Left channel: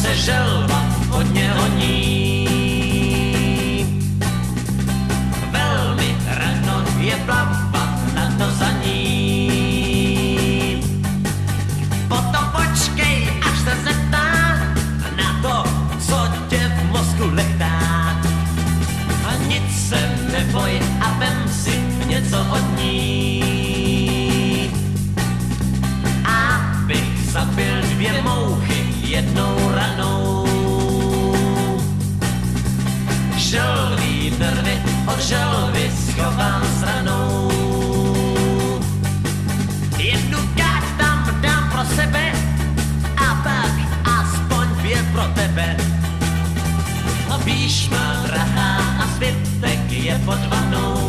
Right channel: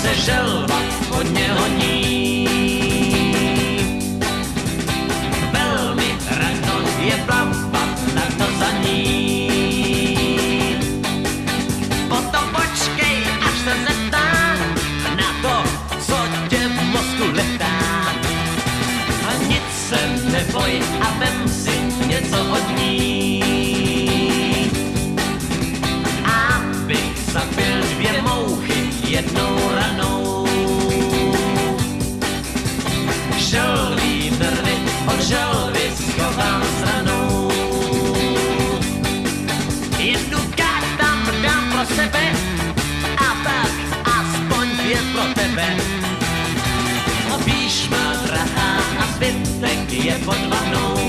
se želva hodně honí. Velmi rano je plavat na to za ní. Potom počkej, až se zeptá na to, co tě v mozku letá. A nic se neboj a vem si něco od ní. Abych zabil 2 mouchy jednou ranou. Želví nervy od želvy schovám stranou. Jednu káč tam dám pro sebe a tak aspoň 2 pro tebe. A píš má drahá a zbytek je pod vanou.